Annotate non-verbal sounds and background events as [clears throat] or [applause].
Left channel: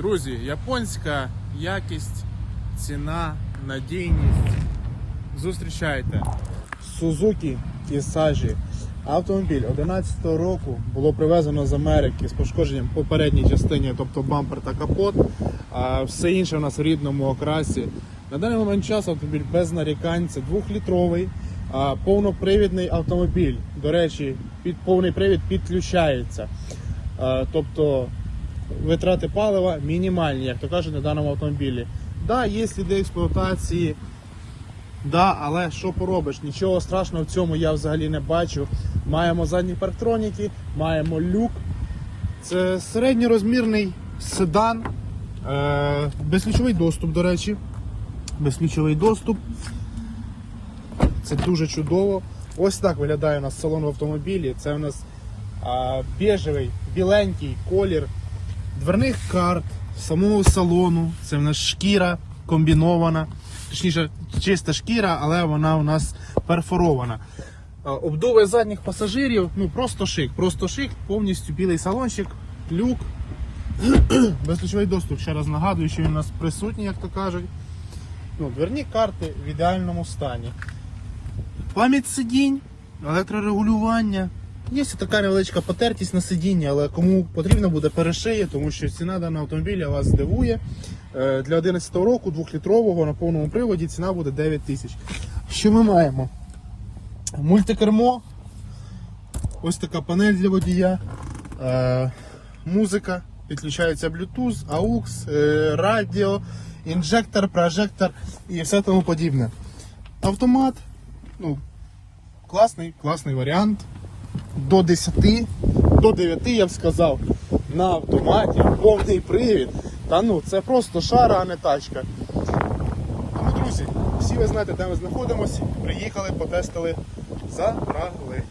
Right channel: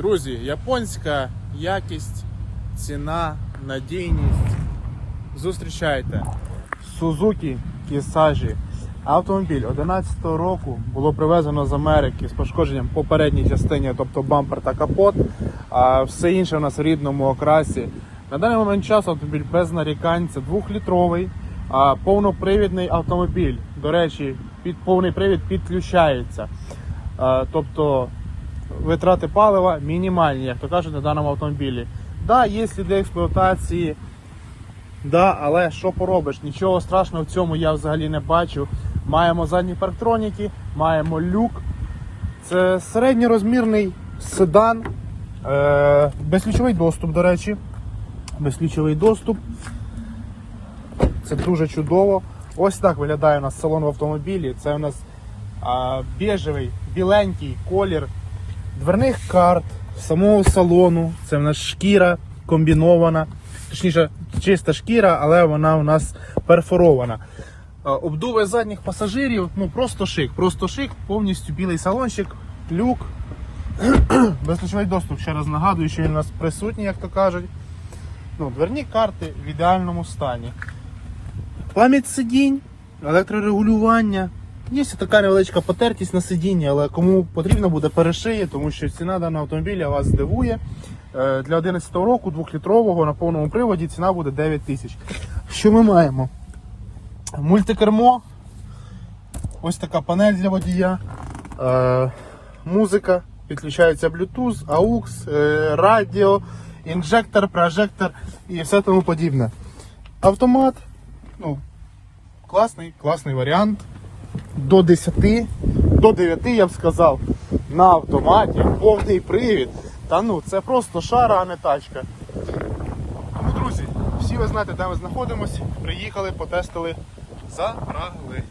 Друзі, японська якість, ціна, надійність. Зустрічайте. Suzuki Visage. Автомобіль 11 року було привезено з Америки з пошкодженням по передній частині, тобто бампер та капот. А все інше у нас в рідному окрасі. На даний момент часу автомобіль без нарікань, це двохлітровий, а повнопривідний автомобіль. До речі, під повний привід підключається. Тобто витрати палива мінімальні, як то кажуть, на даному автомобілі. Да, є сліди експлуатації, да, але що поробиш? Нічого страшного в цьому я взагалі не бачу. Маємо задні парктроніки, маємо люк. Це середньорозмірний седан, е, безключовий доступ, до речі. Безключовий доступ. Це дуже чудово. Ось так виглядає у нас салон в автомобілі. Це у нас а, біжевий, біленький колір дверних карт, самого салону. Це в нас шкіра комбінована. Точніше, чиста шкіра, але вона у нас перфорована. А, Обдуви задніх пасажирів, ну просто шик, просто шик, повністю білий салончик, люк. [clears throat] Безключовий доступ, ще раз нагадую, що він у нас присутній, як то кажуть. Ну, дверні карти в ідеальному стані. Пам'ять сидінь, електрорегулювання. Є така невеличка потертість на сидінні, але кому потрібно буде перешиє, тому що ціна даного автомобіля вас здивує. Е, Для 11 року 2-літрового на повному приводі ціна буде 9 тисяч. Що ми маємо? Мультикермо. Ось така панель для водія. Е, Музика. Підключається Bluetooth, AUX, е, радіо, інжектор, прожектор і все тому подібне. Автомат. Ну, класний, класний варіант. До 10, до 9 я б сказав. На автоматі, повний привід. Та ну, це просто шара, а не тачка. Тому, друзі, всі ви знаєте, де ми знаходимося. Приїхали, потестили, забрали.